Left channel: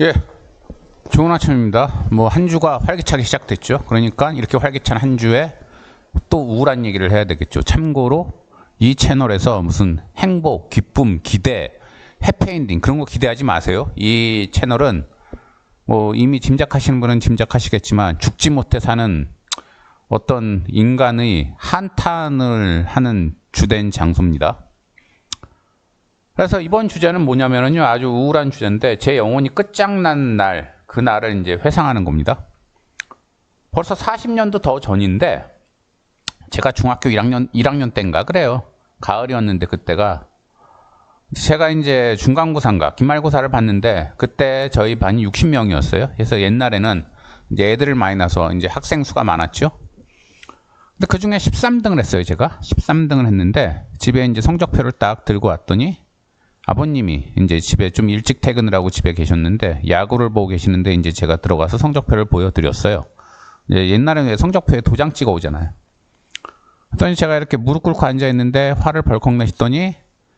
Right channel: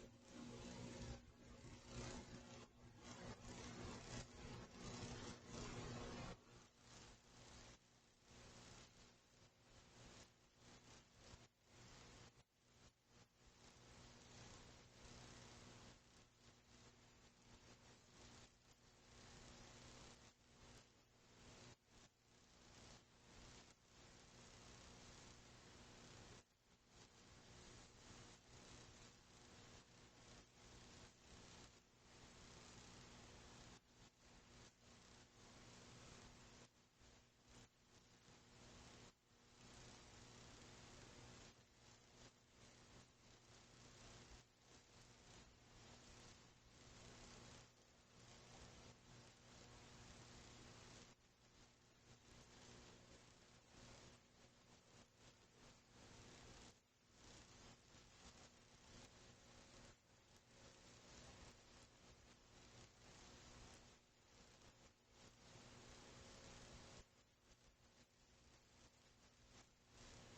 예, 좋은 아침입니다. 뭐 한 주가 활기차게 시작됐죠. 그러니까 이렇게 활기찬 한 주에 또 우울한 얘기를 해야 되겠죠. 참고로 이 채널에서 무슨 행복, 기쁨, 기대, 해피엔딩 그런 거 기대하지 마세요. 이 채널은 뭐 이미 짐작하시는 분은 짐작하시겠지만 죽지 못해 사는 어떤 인간의 한탄을 하는 주된 장소입니다. 그래서 이번 주제는 뭐냐면요, 아주 우울한 주제인데 제 영혼이 끝장난 날, 그날을 이제 회상하는 겁니다. 벌써 40년도 더 전인데 제가 중학교 1학년 때인가 그래요. 가을이었는데 그때가 제가 이제 중간고사인가 기말고사를 봤는데 그때 저희 반이 60명이었어요. 그래서 옛날에는 이제 애들을 많이 낳아서 이제 학생 수가 많았죠. 근데 그 중에 13등을 했어요. 제가 13등을 했는데 집에 이제 성적표를 딱 들고 왔더니 아버님이 이제 집에 좀 일찍 퇴근을 하고 집에 계셨는데 야구를 보고 계시는데 이제 제가 들어가서 성적표를 보여드렸어요. 이제 옛날에는 성적표에 도장 찍어 오잖아요. 그랬더니 제가 이렇게 무릎 꿇고 앉아 있는데 화를 벌컥 내시더니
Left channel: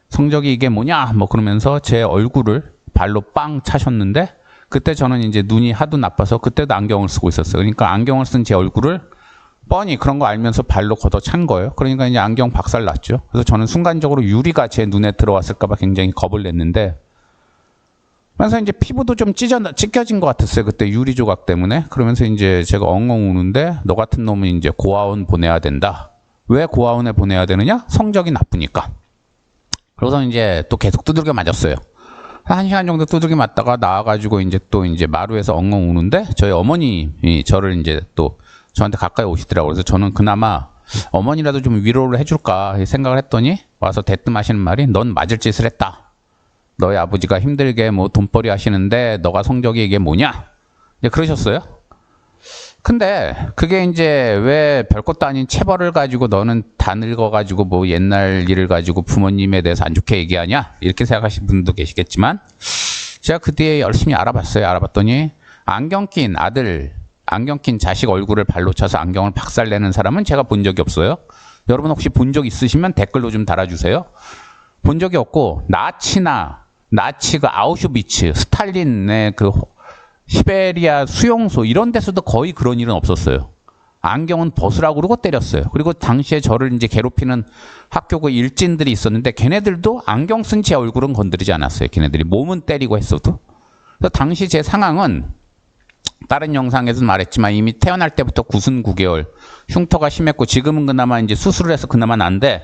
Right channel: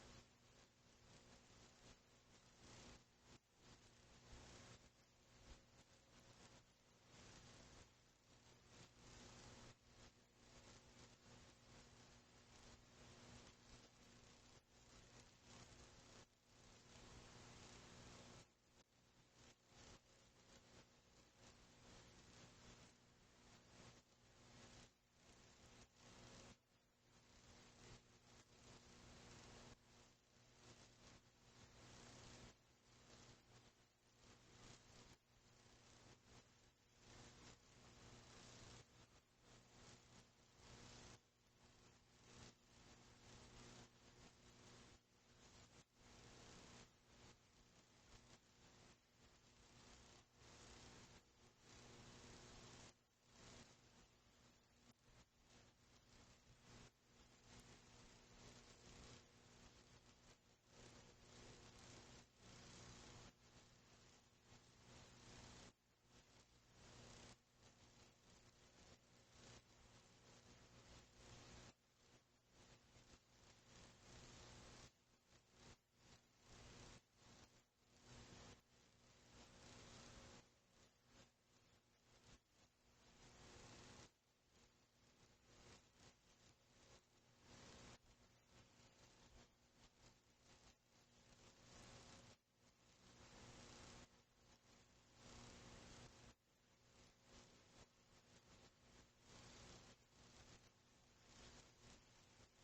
성적이 이게 뭐냐 뭐 그러면서 제 얼굴을 발로 빵 차셨는데 그때 저는 이제 눈이 하도 나빠서 그때도 안경을 쓰고 있었어요. 그러니까 안경을 쓴 제 얼굴을 뻔히 그런 거 알면서 발로 걷어 찬 거예요. 그러니까 이제 안경 박살 났죠. 그래서 저는 순간적으로 유리가 제 눈에 들어왔을까봐 굉장히 겁을 냈는데, 그래서 이제 피부도 좀 찢겨진 것 같았어요. 그때 유리 조각 때문에. 그러면서 이제 제가 엉엉 우는데, 너 같은 놈은 이제 고아원 보내야 된다. 왜 고아원에 보내야 되느냐? 성적이 나쁘니까. 그래서 이제 또 계속 두들겨 맞았어요. 한 시간 정도 두들겨 맞다가 나와가지고 이제 또 이제 마루에서 엉엉 우는데, 저희 어머님이 저를 이제 또 저한테 가까이 오시더라고요. 그래서 저는 그나마 어머니라도 좀 위로를 해줄까 생각을 했더니 와서 대뜸 하시는 말이 넌 맞을 짓을 했다. 너희 아버지가 힘들게 뭐 돈벌이 하시는데 너가 성적이 이게 뭐냐? 이제 그러셨어요. 근데 그게 이제 왜 별것도 아닌 체벌을 가지고 너는 다 늙어가지고 뭐 옛날 일을 가지고 부모님에 대해서 안 좋게 얘기하냐? 이렇게 생각하시는 분도 계시겠지만 제가 그 뒤에 열심히 알아봤어요. 알아봤더니 안경 낀 아들, 안경 낀 자식 얼굴을 발로 차서 안경을 박살내는 사람은 제가 본 적이 없어요. 여러분 혹시 본 적 있으시면 댓글로 좀 달아주세요. 본 적이 없고 나치 그 아우슈비츠, 스탈린의 그 시베리아 수용소 이런 데서도 거의 그런 일은 없었어요. 안경은 벗으라고 그러고 때렸어요. 그리고 당시에 저를 이제 괴롭히는 학교 그 일진들이 있었는데 걔네들도 안경 쓴 제 얼굴은 건드리지 않았어요. 걔네들이 몸은 때리고 했어도. 그래서 당시 제 상황은 다른 영상에서 말했지만 이미 태어날 때부터 9순 9개월 흉터가 심했고 지금은 그나마 이제 수술을 해서 그나마 난데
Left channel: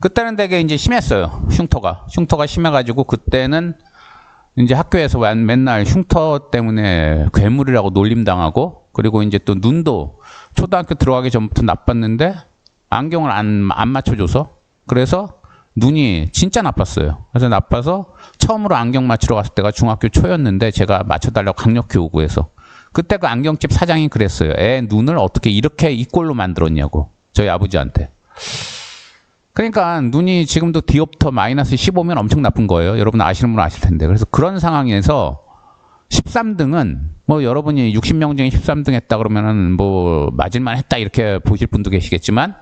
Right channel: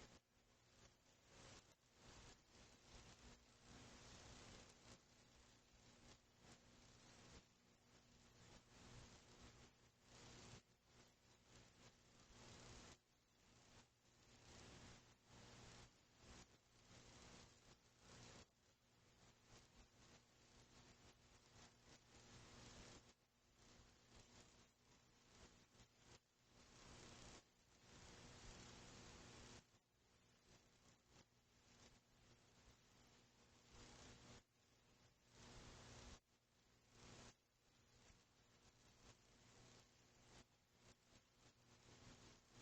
그때는 되게 이제 심했어요. 흉터가 심해가지고 그때는 이제 학교에서 맨날 흉터 때문에 괴물이라고 놀림당하고 그리고 이제 또 눈도 초등학교 들어가기 전부터 나빴는데 안경을 안 맞춰줘서 그래서 눈이 진짜 나빴어요. 그래서 나빠서 처음으로 안경 맞추러 갔을 때가 중학교 초였는데 제가 맞춰달라고 강력히 요구해서 그때 그 안경집 사장이 그랬어요. 애 눈을 어떻게 이렇게 이 꼴로 만들었냐고. 저희 아버지한테. 그러니까 눈이 지금도 디옵터 마이너스 15면 엄청 나쁜 거예요. 여러분 아시는 분은 아실 텐데. 그래서 그런 상황에서 13등은 뭐 여러분이 60명 중에 13등 했다 그러면은 뭐 맞을만 했다 이렇게 보실 분도 계시겠지만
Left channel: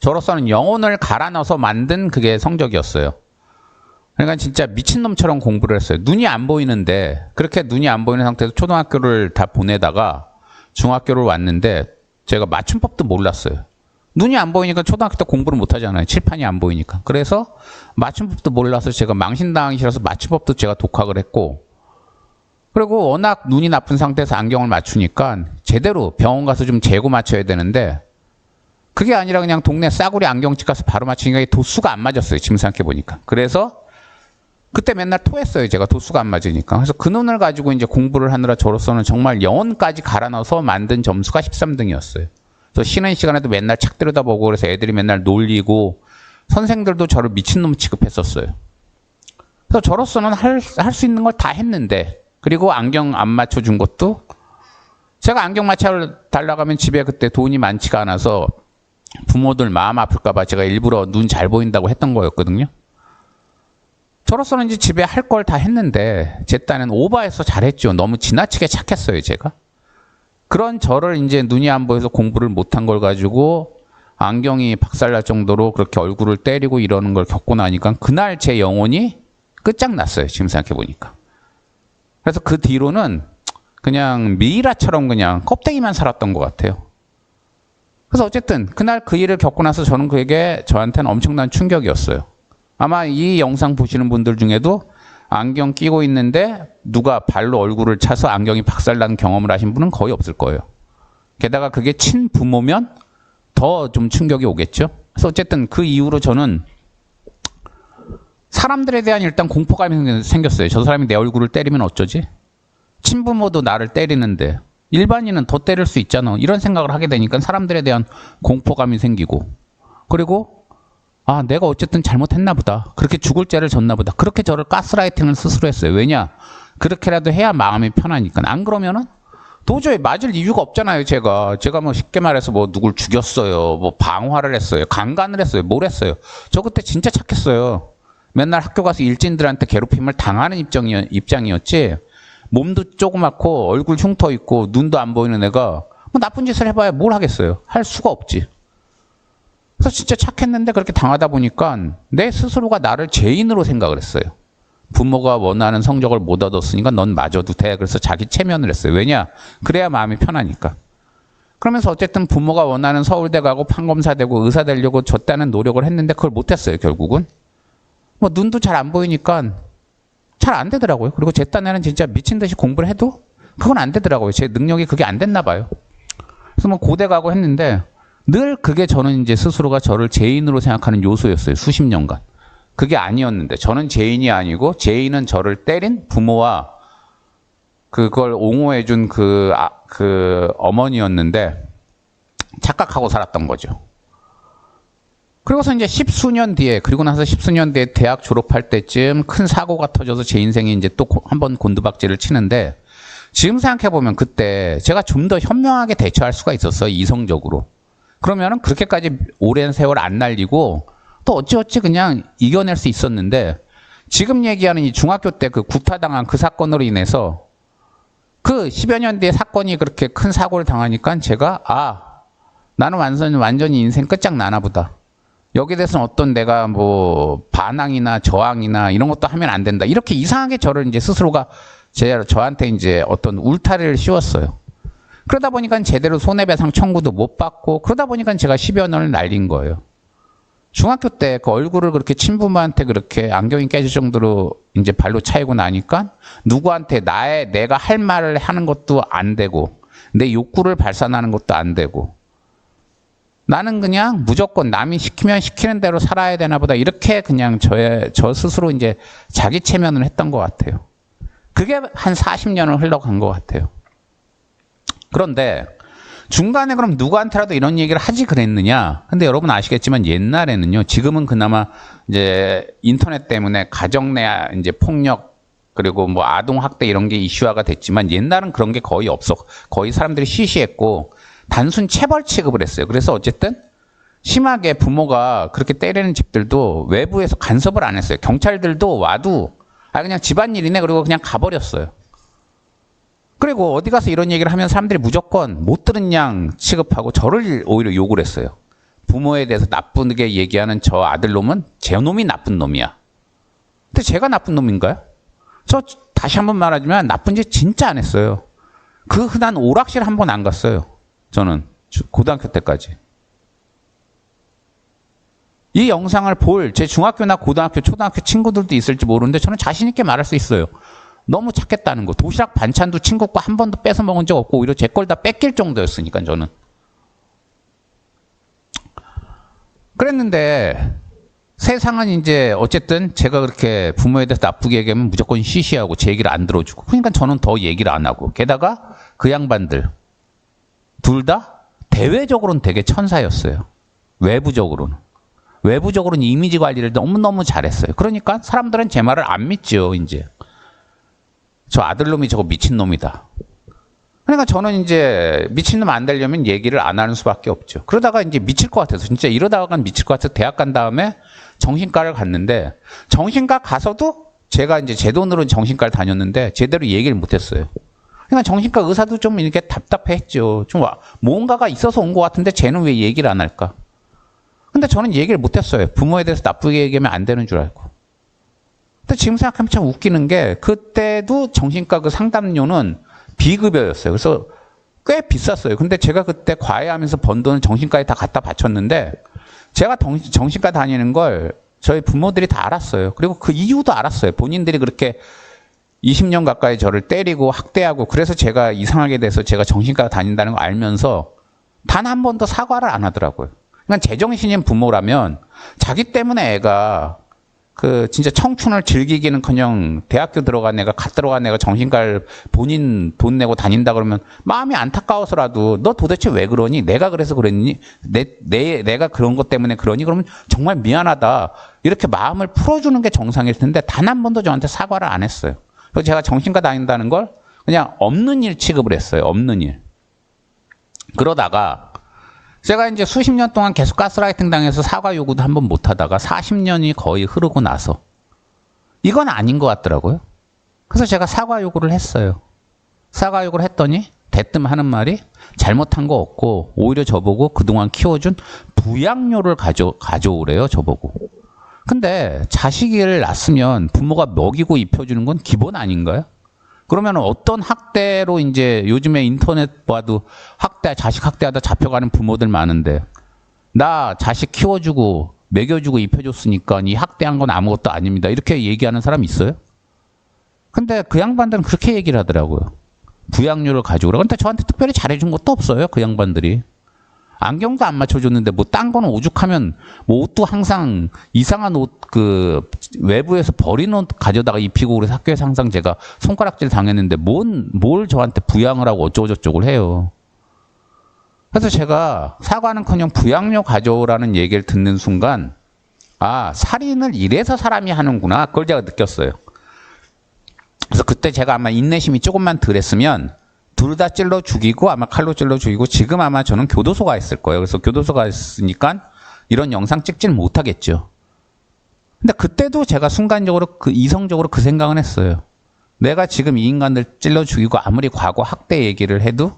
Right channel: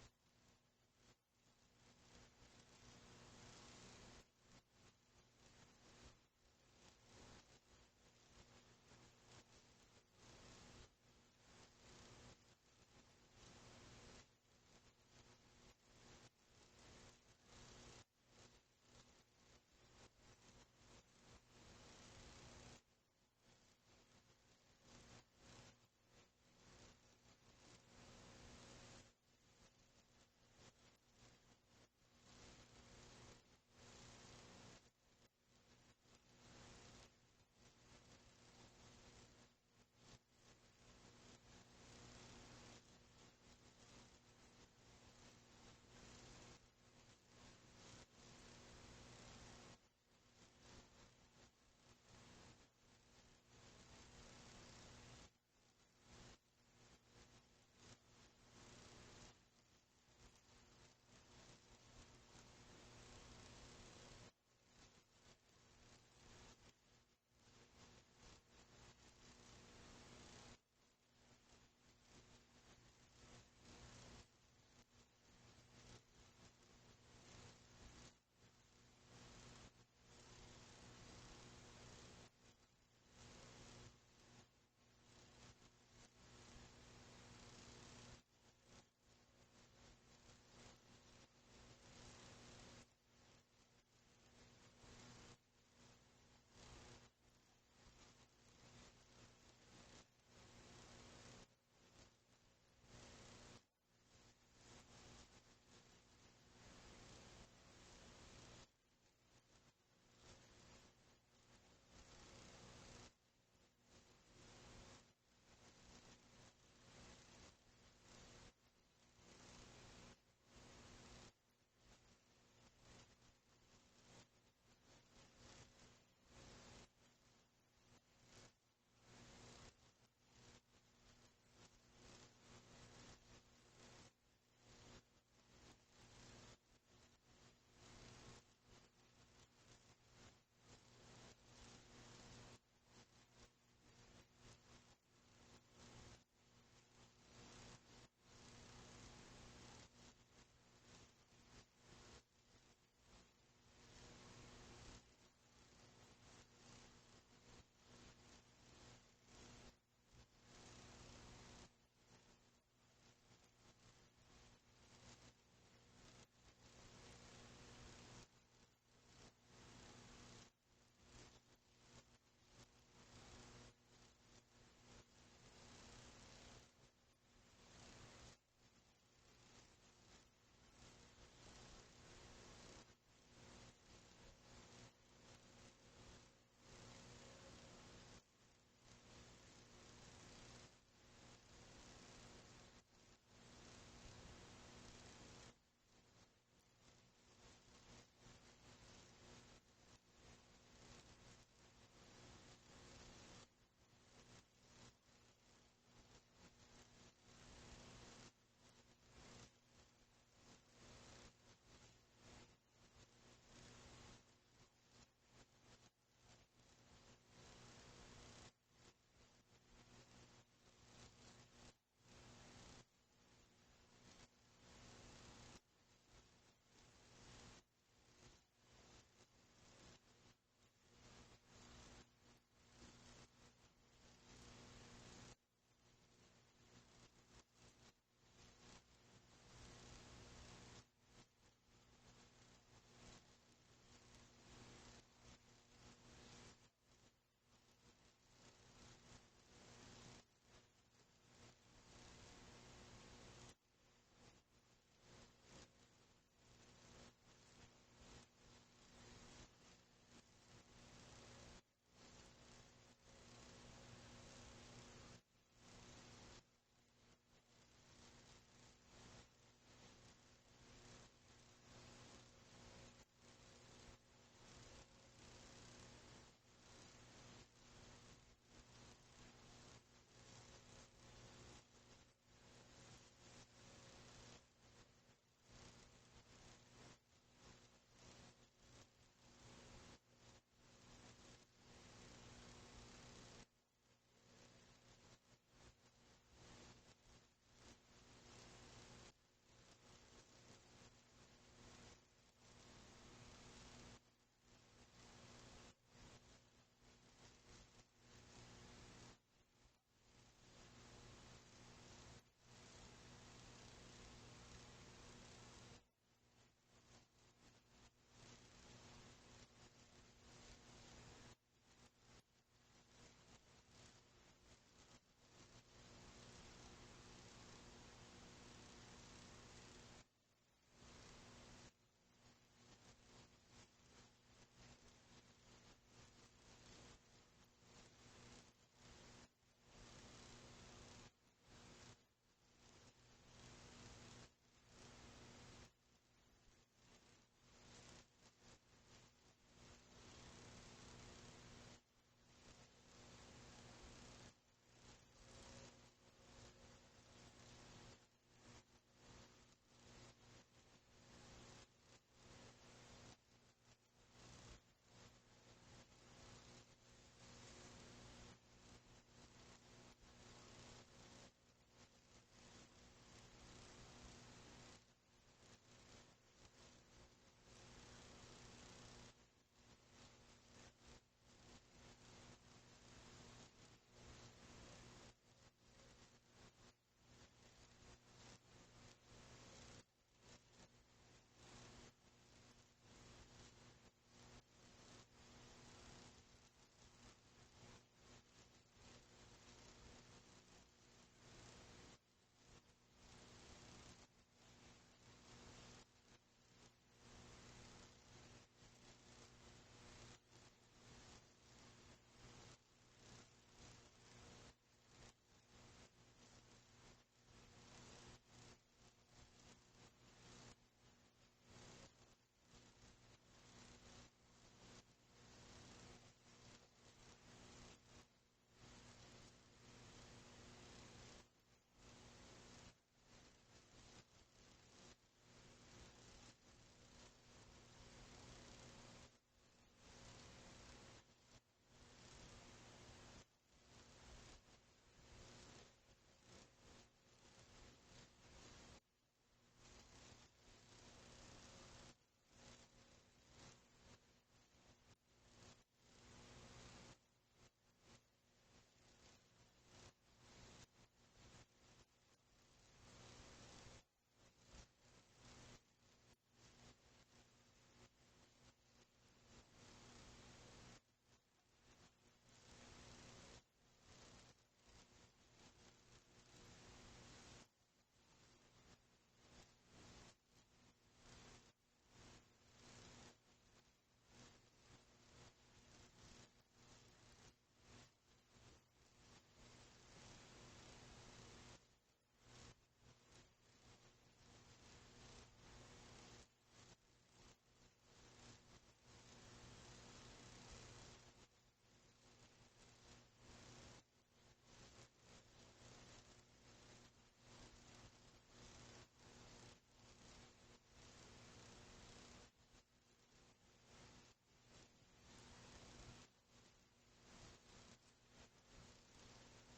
저로서는 영혼을 갈아 넣어서 만든 그게 성적이었어요. 그러니까 진짜 미친놈처럼 공부를 했어요. 눈이 안 보이는데 그렇게 눈이 안 보이는 상태에서 초등학교를 다 보내다가 중학교를 왔는데 제가 맞춤법도 몰랐어요. 눈이 안 보이니까 초등학교 때 공부를 못 하잖아요. 칠판이 안 보이니까. 그래서 맞춤법도 몰라서 제가 망신당하기 싫어서 맞춤법도 제가 독학을 했고 그리고 워낙 눈이 나쁜 상태에서 안경을 맞추니까 제대로 병원 가서 좀 재고 맞춰야 되는데 그게 아니라 그냥 동네 싸구려 안경집 가서 바로 맞추니까 도수가 안 맞았어요. 지금 생각해보니까. 그래서 그때 맨날 토했어요. 제가 도수가 안 맞으니까. 그래서 그 눈을 가지고 이제 공부를 하느라 저로서는 정말 영혼까지 갈아 넣어서 만든 점수가 13등이었어요. 그래서 쉬는 시간에도 맨날 책 들여다보고 그래서 애들이 맨날 놀리고 선생들도 저를 미친놈 취급했었어요. 그래서 저로서는 할 수 있는 걸 다 했는데 그리고 안경 안 맞춰준 것도 제가 안경 맞춰 달라고 하면 집에 그때 돈이 많지가 않아서 부모들 마음 아플까봐 제가 일부러 눈 잘 보인다고 했던 거였거든요. 저로서는 이제 집에 할 걸 다 했는데 제 딴엔 오버해서 잘했죠. 너무 지나치게 착했어요, 제가. 그런 저를 이제 눈이 안 보여서 공부를 못한 걸 가지고 안경이 박살날 정도로 그렇게 얼굴을 때리고 이러는 걸 겪고 나니까 그날 제 영혼이 끝장났어요. 지금 생각해 보니까. 그래서 그 뒤로는 그냥 미이라처럼 그냥 껍데기만 살았던 것 같아요. 그래서 어쨌든 그날 그 일을 겪고 나서 저는 그게 저한테는 엄청난 충격이었어요. 아마 이 영상 보시는 분들 중에도 안경 끼고 있는데 누가 발로 얼굴을 차서 안경이 박살난 경험을 하신 분은 거의 없을 거예요. 게다가 그게 친부모면 더 좀 충격이 오겠죠. 그래서 어쨌든 그 이후로 저는 사람들에 대한 일단 공포감이 생겼어요. 저 사람이 내 얼굴을 때리면 어쩌지? 친부모도 나를 때리는데 일반인은 더 때릴 수 있잖아. 이런 생각을 하게 되니까 사람들에 대한 공포감이 생기고, 그리고 아, 내가 어쨌든 잘못했나 보다. 그렇게 죽을 죄를 졌나 보다. 그렇게 저를 가스라이팅을 스스로 했어요. 왜냐? 그렇게라도 해야 마음이 편하니까. 안 그러면은 도저히 맞을 이유가 없잖아요. 제가 뭐 쉽게 말해서 뭐 누굴 죽였어요, 뭐 방화를 했어요, 강간을 했어요, 뭘 했어요. 저 그때 진짜 착했어요. 맨날 학교 가서 일진들한테 괴롭힘을 당하는 입장이었지. 몸도 조그맣고 얼굴 흉터 있고 눈도 안 보이는 애가 뭐 나쁜 짓을 해봐야 뭘 하겠어요. 할 수가 없지. 그래서 진짜 착했는데 그렇게 당하다 보니까 내 스스로가 나를 죄인으로 생각을 했어요. 부모가 원하는 성적을 못 얻었으니까 넌 맞아도 돼. 그래서 자기 체면을 했어요. 왜냐? 그래야 마음이 편하니까. 그러면서 어쨌든 부모가 원하는 서울대 가고 판검사 되고 의사 되려고 줬다는 노력을 했는데 그걸 못했어요. 결국은. 뭐 눈도 잘 안 보이니까 잘 안 되더라고요. 그리고 제 딴에는 진짜 미친 듯이 공부를 해도 그건 안 되더라고요. 제 능력이 그게 안 됐나 봐요. 그래서 뭐 고대 가고 했는데 늘 그게 저는 이제 스스로가 저를 죄인으로 생각하는 요소였어요. 수십 년간. 그게 아니었는데 저는 죄인이 아니고 죄인은 저를 때린 부모와 그걸 옹호해준 그 어머니였는데 착각하고 살았던 거죠. 그리고서 이제 십수년 뒤에, 그리고 나서 십수년 뒤에 대학 졸업할 때쯤 큰 사고가 터져서 제 인생이 이제 또 한 번 곤두박질을 치는데, 지금 생각해보면 그때 제가 좀 더 현명하게 대처할 수가 있었어요. 이성적으로. 그러면은 그렇게까지 오랜 세월 안 날리고 또 어찌어찌 그냥 이겨낼 수 있었는데, 지금 얘기하는 이 중학교 때 그 구타당한 그 사건으로 인해서 그 10여 년 뒤에 사건이 그렇게 큰 사고를 당하니까 제가 나는 완전히 인생 끝장나나 보다. 여기에 대해서는 어떤 내가 뭐 반항이나 저항이나 이런 것도 하면 안 된다. 이렇게 이상하게 저를 이제 스스로가 저한테 이제 어떤 울타리를 씌웠어요. 그러다 보니까 제대로 손해배상 청구도 못 받고, 그러다 보니까 제가 10여 년을 날린 거예요. 중학교 때 그 얼굴을 그렇게 친부모한테 그렇게 안경이 깨질 정도로 이제 발로 차이고 나니까 누구한테 내가 할 말을 하는 것도 안 되고, 내 욕구를 발산하는 것도 안 되고, 나는 그냥 무조건 남이 시키면 시키는 대로 살아야 되나 보다. 이렇게 그냥 저 스스로 이제 자기 체면을 했던 것 같아요. 그게 한 40년을 흘러간 것 같아요. 그런데 중간에 그럼 누구한테라도 이런 얘기를 하지 그랬느냐? 근데 여러분 아시겠지만 옛날에는요, 지금은 그나마 이제 인터넷 때문에 가정 내 이제 폭력 그리고 뭐 아동 학대 이런 게 이슈화가 됐지만 옛날은 그런 게 거의 거의 사람들이 시시했고 단순 체벌 취급을 했어요. 그래서 어쨌든 심하게 부모가 그렇게 때리는 집들도 외부에서 간섭을 안 했어요. 경찰들도 와도 그냥 집안일이네 그리고 그냥 가버렸어요. 그리고 어디 가서 이런 얘기를 하면 사람들이 무조건 못 들은 양 취급하고 저를 오히려 욕을 했어요. 부모에 대해서 나쁘게 얘기하는 저 아들놈은 제 놈이 나쁜 놈이야. 근데 제가 나쁜 놈인가요? 저 다시 한번 말하자면 나쁜 짓 진짜 안 했어요. 그 흔한 오락실 한 번 안 갔어요. 저는 고등학교 때까지. 이 영상을 볼 제 중학교나 고등학교, 초등학교 친구들도 있을지 모르는데 저는 자신 있게 말할 수 있어요. 너무 착했다는 거. 도시락 반찬도 친구 거 한 번도 뺏어 먹은 적 없고 오히려 제 걸 다 뺏길 정도였으니까 저는. 그랬는데 세상은 이제 어쨌든 제가 그렇게 부모에 대해서 나쁘게 얘기하면 무조건 시시하고 제 얘기를 안 들어주고, 그러니까 저는 더 얘기를 안 하고, 게다가 그 양반들 둘 다 대외적으로는 되게 천사였어요. 외부적으로는 이미지 관리를 너무너무 잘했어요. 그러니까 사람들은 제 말을 안 믿죠. 이제 저 아들놈이 저거 미친놈이다. 그러니까 저는 이제 미친놈 안 되려면 얘기를 안 하는 수밖에 없죠. 그러다가 이제 미칠 것 같아서, 진짜 이러다가는 미칠 것 같아서 대학 간 다음에 정신과를 갔는데, 정신과 가서도 제가 이제 제 돈으로 정신과를 다녔는데 제대로 얘기를 못 했어요. 그러니까 정신과 의사도 좀 이렇게 답답해했죠. 좀 뭔가가 있어서 온 것 같은데 쟤는 왜 얘기를 안 할까? 근데 저는 얘기를 못 했어요. 부모에 대해서 나쁘게 얘기하면 안 되는 줄 알고. 근데 지금 생각하면 참 웃기는 게 그때도 정신과 그 상담료는 비급여였어요. 그래서 꽤 비쌌어요. 근데 제가 그때 과외하면서 번 돈은 정신과에 다 갖다 바쳤는데 제가 정신과 다니는 걸 저희 부모들이 다 알았어요. 그리고 그 이유도 알았어요. 본인들이 그렇게 20년 가까이 저를 때리고 학대하고 그래서 제가 이상하게 돼서 제가 정신과 다닌다는 걸 알면서 단 한 번도 사과를 안 하더라고요. 그러니까 제정신인 부모라면 자기 때문에 애가 그 진짜 청춘을 즐기기는커녕 대학교 들어간 애가 갓 들어간 애가 정신과를 본인 돈 내고 다닌다 그러면 마음이 안타까워서라도 너 도대체 왜 그러니? 내가 그래서 그랬니? 내가 그런 것 때문에 그러니? 그러면 정말 미안하다. 이렇게 마음을 풀어주는 게 정상일 텐데 단 한 번도 저한테 사과를 안 했어요. 그래서 제가 정신과 다닌다는 걸 그냥 없는 일 취급을 했어요. 없는 일. 그러다가 제가 이제 수십 년 동안 계속 가스라이팅 당해서 사과 요구도 한 번 못 하다가 40년이 거의 흐르고 나서 이건 아닌 것 같더라고요. 그래서 제가 사과 요구를 했어요. 사과 요구를 했더니 대뜸 하는 말이 잘못한 거 없고 오히려 저보고 그동안 키워준 부양료를 가져오래요. 저보고. 근데 자식을 낳았으면 부모가 먹이고 입혀주는 건 기본 아닌가요? 그러면 어떤 학대로 이제 요즘에 인터넷 봐도 자식 학대하다 잡혀가는 부모들 많은데 나 자식 키워주고 먹여주고 입혀줬으니까 이 학대한 건 아무것도 아닙니다. 이렇게 얘기하는 사람 있어요? 근데 그 양반들은 그렇게 얘기를 하더라고요. 부양료를 가져오라고. 근데 저한테 특별히 잘해준 것도 없어요. 그 양반들이. 안경도 안 맞춰줬는데 뭐 딴 거는 오죽하면 뭐 옷도 항상 이상한 옷 그 외부에서 버린 옷 가져다가 입히고 그래서 학교에서 항상 제가 손가락질 당했는데 뭘 저한테 부양을 하고 어쩌고저쩌고 해요. 그래서 제가 사과는커녕 부양료 가져오라는 얘기를 듣는 순간 아 살인을 이래서 사람이 하는구나 그걸 제가 느꼈어요. 그래서 그때 제가 아마 인내심이 조금만 덜했으면 둘 다 찔러 죽이고 아마 칼로 찔러 죽이고 지금 아마 저는 교도소가 있을 거예요. 그래서 교도소가 있으니까 이런 영상 찍지는 못하겠죠. 근데 그때도 제가 순간적으로 이성적으로 그 생각은 했어요. 내가 지금 이 인간들 찔러 죽이고 아무리 과거 학대 얘기를 해도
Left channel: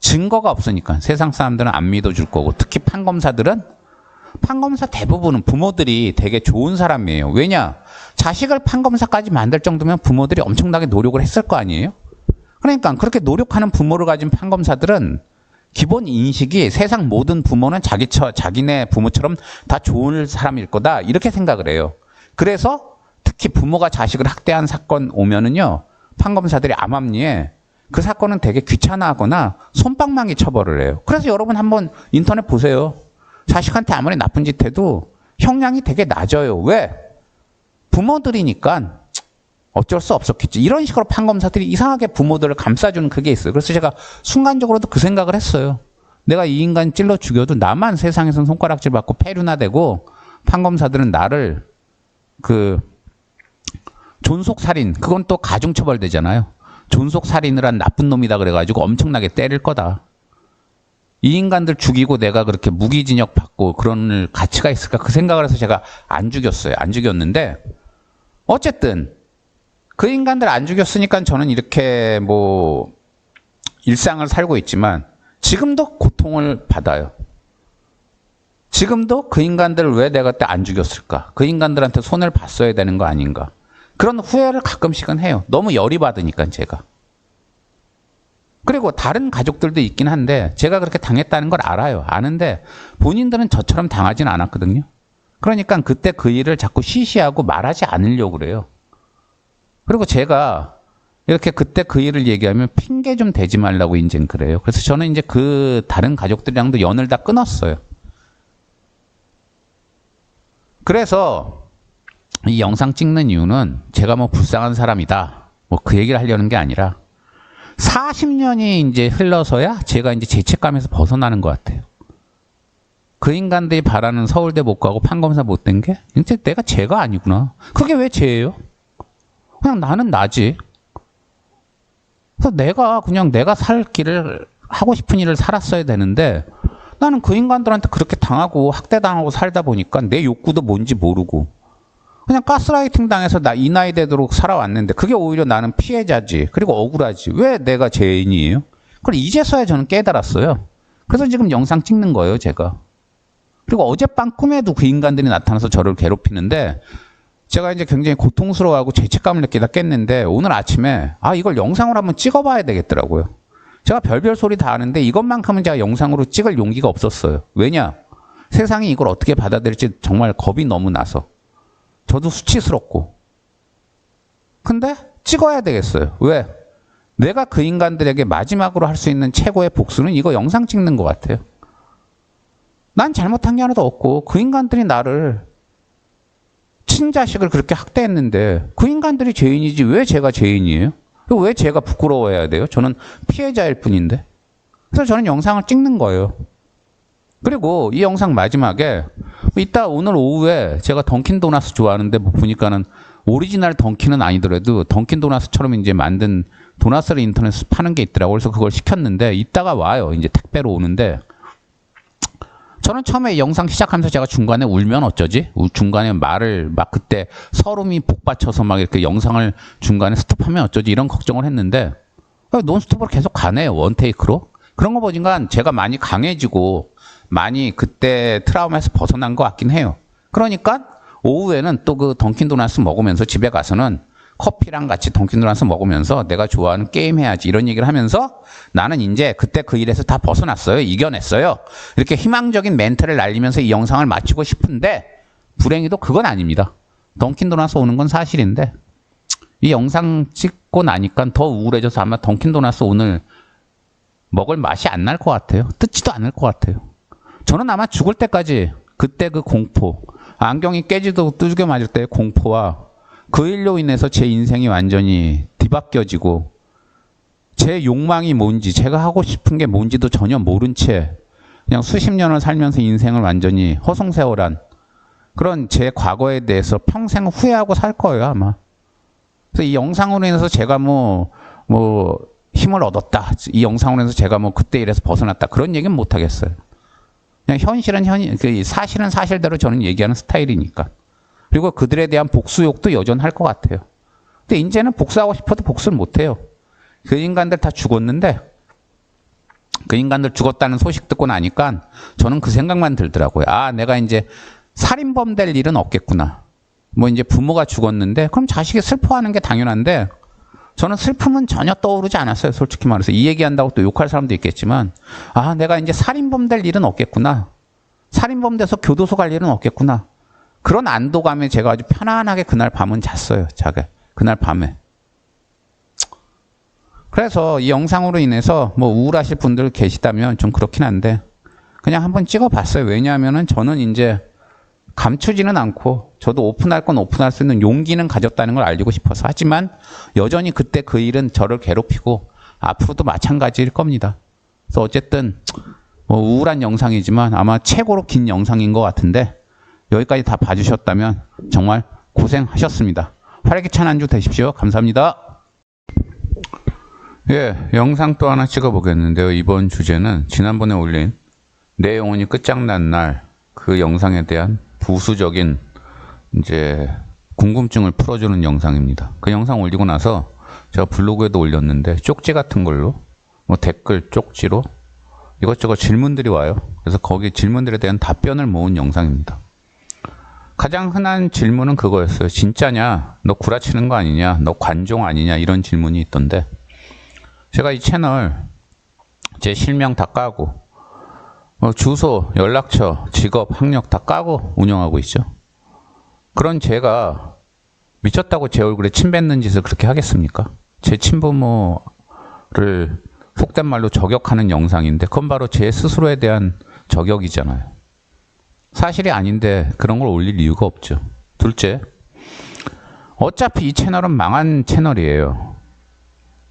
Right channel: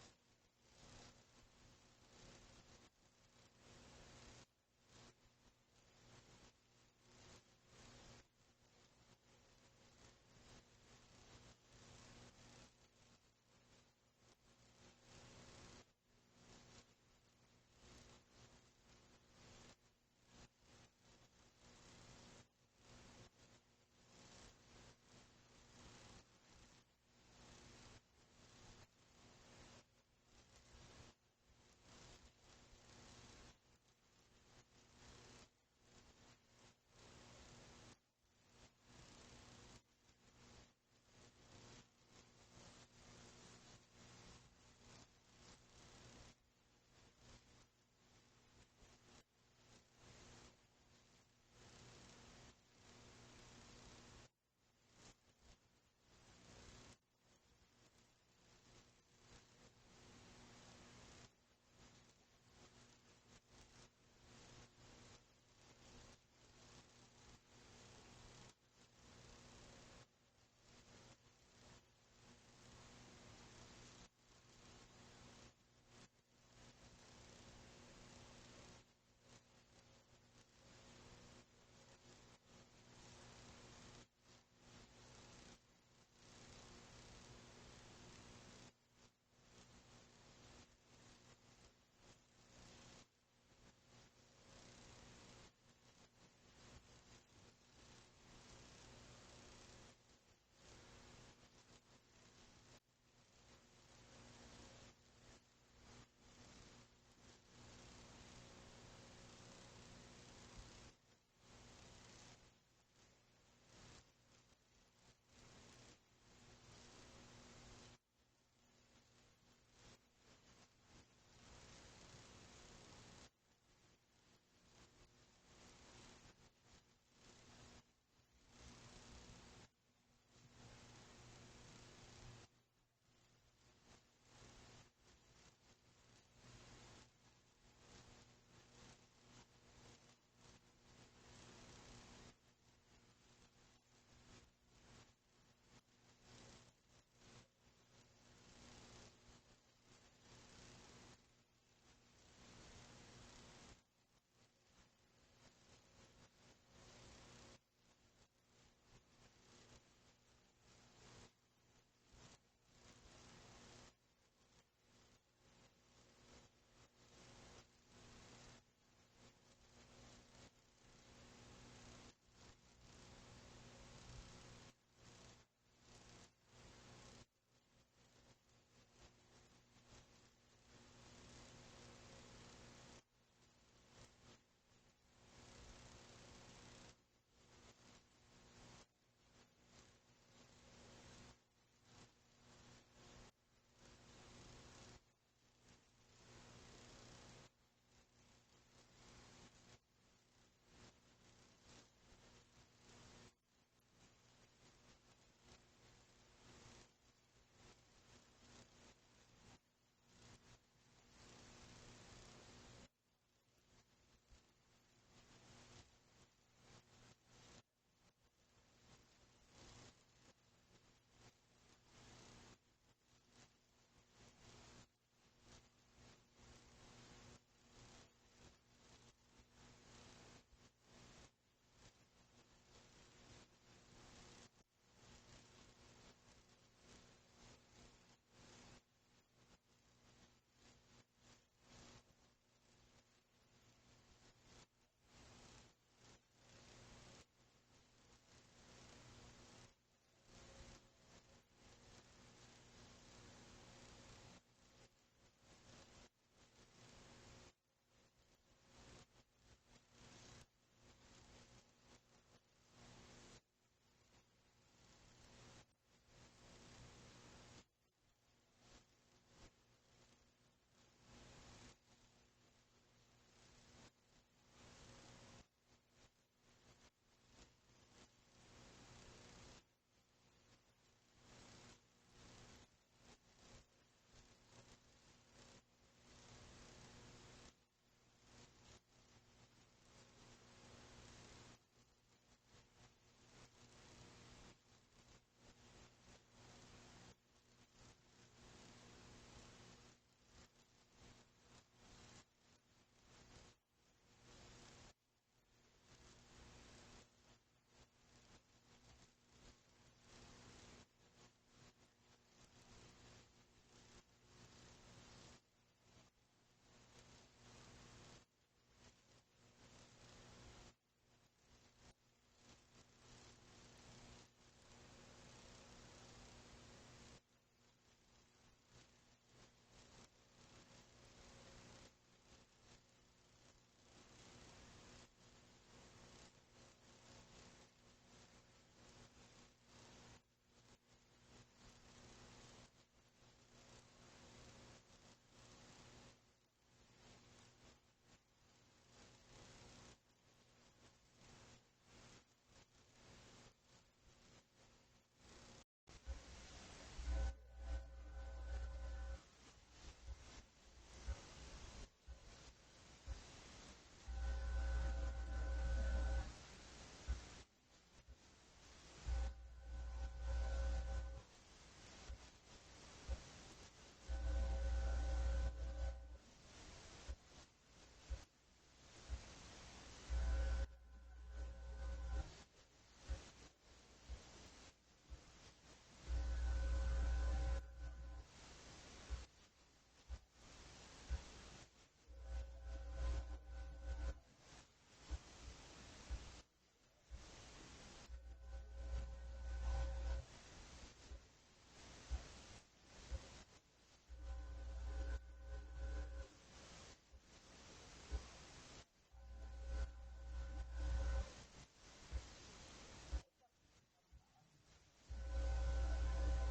증거가 없으니까 세상 사람들은 안 믿어줄 거고 특히 판검사 대부분은 부모들이 되게 좋은 사람이에요. 왜냐? 자식을 판검사까지 만들 정도면 부모들이 엄청나게 노력을 했을 거 아니에요? 그러니까 그렇게 노력하는 부모를 가진 판검사들은 기본 인식이 세상 모든 부모는 자기네 부모처럼 다 좋은 사람일 거다 이렇게 생각을 해요. 그래서 특히 부모가 자식을 학대한 사건 오면은요 판검사들이 암암리에 그 사건은 되게 귀찮아하거나 솜방망이 처벌을 해요. 그래서 여러분 한번 인터넷 보세요. 자식한테 아무리 나쁜 짓 해도 형량이 되게 낮아요. 왜? 부모들이니까 어쩔 수 없었겠지. 이런 식으로 판검사들이 이상하게 부모들을 감싸주는 그게 있어요. 그래서 제가 순간적으로도 그 생각을 했어요. 내가 이 인간 찔러 죽여도 나만 세상에선 손가락질 받고 폐류나 되고 판검사들은 나를 존속살인 그건 또 가중처벌되잖아요. 존속살인을 한 나쁜 놈이다 그래가지고 엄청나게 때릴 거다. 이 인간들 죽이고 내가 그렇게 무기징역 받고 그런 가치가 있을까 그 생각을 해서 제가 안 죽였어요. 안 죽였는데 어쨌든 그 인간들 안 죽였으니까 저는 이렇게 뭐 일상을 살고 있지만 지금도 고통을 받아요. 지금도 그 인간들을 왜 내가 그때 안 죽였을까? 그 인간들한테 손을 봤어야 되는 거 아닌가? 그런 후회를 가끔씩은 해요. 너무 열이 받으니까 제가. 그리고 다른 가족들도 있긴 한데 제가 그렇게 당했다는 걸 알아요. 아는데 본인들은 저처럼 당하진 않았거든요. 그러니까 그때 그 일을 자꾸 시시하고 말하지 않으려고 그래요. 그리고 제가 이렇게 그때 그 일을 얘기하면 핑계 좀 대지 말라고 이제 그래요. 그래서 저는 이제 그 다른 가족들이랑도 연을 다 끊었어요. 그래서 이 영상 찍는 이유는 제가 뭐 불쌍한 사람이다. 뭐 그 얘기를 하려는 게 아니라 40년이 이제 흘러서야 제가 이제 죄책감에서 벗어나는 것 같아요. 그 인간들이 바라는 서울대 못 가고 판검사 못 된 게 이제 내가 죄가 아니구나. 그게 왜 죄예요? 그냥 나는 나지. 그래서 내가 살 길을 하고 싶은 일을 살았어야 되는데 나는 그 인간들한테 그렇게 당하고 학대당하고 살다 보니까 내 욕구도 뭔지 모르고 그냥 가스라이팅 당해서 이 나이 되도록 살아왔는데 그게 오히려 나는 피해자지. 그리고 억울하지. 왜 내가 죄인이에요? 그걸 이제서야 저는 깨달았어요. 그래서 지금 영상 찍는 거예요, 제가. 그리고 어젯밤 꿈에도 그 인간들이 나타나서 저를 괴롭히는데 제가 이제 굉장히 고통스러워하고 죄책감을 느끼다 깼는데 오늘 아침에 이걸 영상으로 한번 찍어봐야 되겠더라고요. 제가 별별 소리 다 하는데 이것만큼은 제가 영상으로 찍을 용기가 없었어요. 왜냐? 세상이 이걸 어떻게 받아들일지 정말 겁이 너무 나서. 저도 수치스럽고. 근데 찍어야 되겠어요. 왜? 내가 그 인간들에게 마지막으로 할 수 있는 최고의 복수는 이거 영상 찍는 것 같아요. 난 잘못한 게 하나도 없고 그 인간들이 나를 친자식을 그렇게 학대했는데 그 인간들이 죄인이지 왜 제가 죄인이에요? 왜 제가 부끄러워해야 돼요? 저는 피해자일 뿐인데. 그래서 저는 영상을 찍는 거예요. 그리고 이 영상 마지막에 이따 오늘 오후에 제가 던킨 도나스 좋아하는데 뭐 보니까는 오리지널 던킨은 아니더라도 던킨 도나스처럼 이제 만든 도나스를 인터넷에서 파는 게 있더라고요. 그래서 그걸 시켰는데 이따가 와요. 이제 택배로 오는데 저는 처음에 영상 시작하면서 제가 중간에 울면 어쩌지? 중간에 말을 막 그때 서름이 복받쳐서 막 이렇게 영상을 중간에 스톱하면 어쩌지? 이런 걱정을 했는데 논스톱으로 계속 가네요. 원테이크로. 그런 거 보니까 제가 많이 강해지고 많이 그때 트라우마에서 벗어난 것 같긴 해요. 그러니까 오후에는 또 그 던킨 도나스 먹으면서 집에 가서는 커피랑 같이 던킨 도나스 먹으면서 내가 좋아하는 게임 해야지 이런 얘기를 하면서 나는 이제 그때 그 일에서 다 벗어났어요. 이겨냈어요. 이렇게 희망적인 멘트를 날리면서 이 영상을 마치고 싶은데 불행히도 그건 아닙니다. 던킨 도나스 오는 건 사실인데 이 영상 찍고 나니까 더 우울해져서 아마 던킨 도나스 오늘 먹을 맛이 안 날 것 같아요. 뜯지도 않을 것 같아요. 저는 아마 죽을 때까지 그때 그 공포, 안경이 깨지도 두들겨 맞을 때의 공포와 그 일로 인해서 제 인생이 완전히 뒤바뀌어지고 제 욕망이 뭔지 제가 하고 싶은 게 뭔지도 전혀 모른 채 그냥 수십 년을 살면서 인생을 완전히 허송세월한 그런 제 과거에 대해서 평생 후회하고 살 거예요 아마. 그래서 이 영상으로 인해서 제가 뭐 힘을 얻었다. 이 영상으로 인해서 제가 뭐 그때 일에서 벗어났다. 그런 얘기는 못 하겠어요. 그냥 현실은 사실은 사실대로 저는 얘기하는 스타일이니까. 그리고 그들에 대한 복수욕도 여전할 것 같아요. 근데 이제는 복수하고 싶어도 복수를 못 해요. 그 인간들 다 죽었는데 그 인간들 죽었다는 소식 듣고 나니까 저는 그 생각만 들더라고요. 내가 이제 살인범 될 일은 없겠구나. 뭐 이제 부모가 죽었는데 그럼 자식이 슬퍼하는 게 당연한데 저는 슬픔은 전혀 떠오르지 않았어요. 솔직히 말해서. 이 얘기한다고 또 욕할 사람도 있겠지만 내가 이제 살인범 될 일은 없겠구나. 살인범 돼서 교도소 갈 일은 없겠구나. 그런 안도감에 제가 아주 편안하게 그날 밤은 잤어요. 그날 밤에. 그래서 이 영상으로 인해서 뭐 우울하실 분들 계시다면 좀 그렇긴 한데 그냥 한번 찍어봤어요. 왜냐하면은 저는 이제 감추지는 않고 저도 오픈할 건 오픈할 수 있는 용기는 가졌다는 걸 알리고 싶어서 하지만 여전히 그때 그 일은 저를 괴롭히고 앞으로도 마찬가지일 겁니다. 그래서 어쨌든 뭐 우울한 영상이지만 아마 최고로 긴 영상인 것 같은데 여기까지 다 봐주셨다면 정말 고생하셨습니다. 활기찬 한 주 되십시오. 감사합니다. 영상 또 하나 찍어보겠는데요. 이번 주제는 지난번에 올린 내 영혼이 끝장난 날 그 영상에 대한 부수적인 이제 궁금증을 풀어주는 영상입니다. 그 영상 올리고 나서 제가 블로그에도 올렸는데 쪽지 같은 걸로 뭐 댓글 쪽지로 이것저것 질문들이 와요. 그래서 거기 질문들에 대한 답변을 모은 영상입니다. 가장 흔한 질문은 그거였어요. 진짜냐? 너 구라치는 거 아니냐? 너 관종 아니냐? 이런 질문이 있던데 제가 이 채널 제 실명 다 까고 주소, 연락처, 직업, 학력 다 까고 운영하고 있죠. 그런 제가 미쳤다고 제 얼굴에 침 뱉는 짓을 그렇게 하겠습니까? 제 친부모를 속된 말로 저격하는 영상인데 그건 바로 제 스스로에 대한 저격이잖아요. 사실이 아닌데 그런 걸 올릴 이유가 없죠. 둘째, 어차피 이 채널은 망한 채널이에요.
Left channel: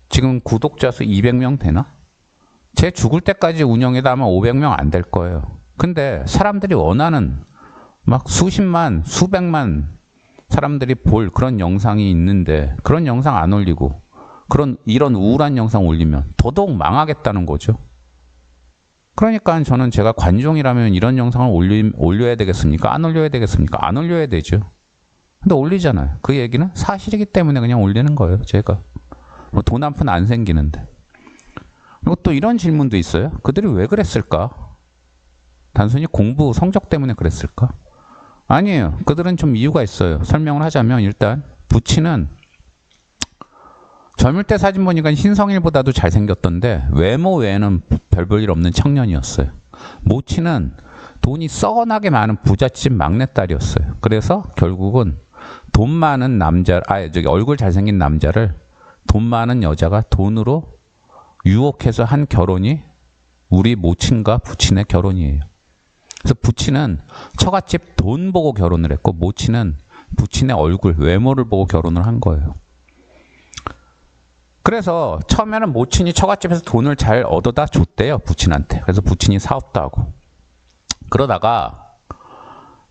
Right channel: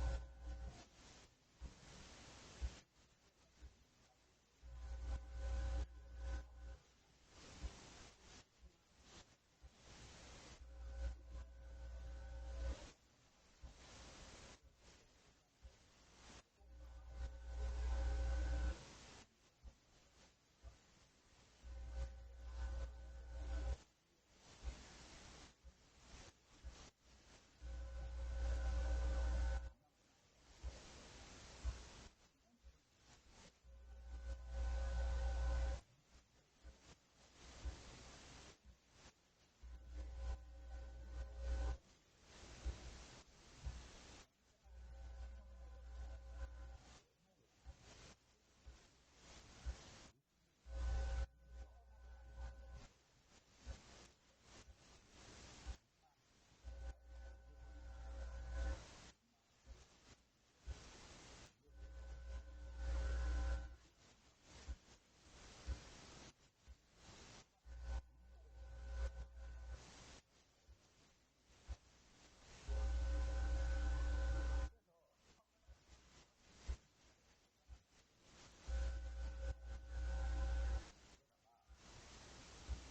지금 구독자 수 200명 되나? 제 죽을 때까지 운영해도 아마 500명 안 될 거예요. 근데 사람들이 원하는 막 수십만, 수백만 사람들이 볼 그런 영상이 있는데 그런 영상 안 올리고 이런 우울한 영상 올리면 더더욱 망하겠다는 거죠. 그러니까 저는 제가 관종이라면 이런 영상을 올려야 되겠습니까? 안 올려야 되겠습니까? 안 올려야 되죠. 근데 올리잖아요. 그 얘기는 사실이기 때문에 그냥 올리는 거예요. 제가 뭐 돈 한 푼 안 생기는데. 그리고 또 이런 질문도 있어요. 그들이 왜 그랬을까? 단순히 공부 성적 때문에 그랬을까? 아니에요. 그들은 좀 이유가 있어요. 설명을 하자면 일단 부친은 젊을 때 사진 보니까 신성일보다도 잘생겼던데 외모 외에는 별 볼 일 없는 청년이었어요. 모친은 돈이 썩어나게 많은 부잣집 막내딸이었어요. 그래서 결국은 돈 많은 남자, 얼굴 잘생긴 남자를 돈 많은 여자가 돈으로 유혹해서 한 결혼이 우리 모친과 부친의 결혼이에요. 그래서 부친은 처갓집 돈 보고 결혼을 했고 모친은 부친의 얼굴, 외모를 보고 결혼을 한 거예요. 그래서 처음에는 모친이 처갓집에서 돈을 잘 얻어다 줬대요, 부친한테. 그래서 부친이 사업도 하고. 그러다가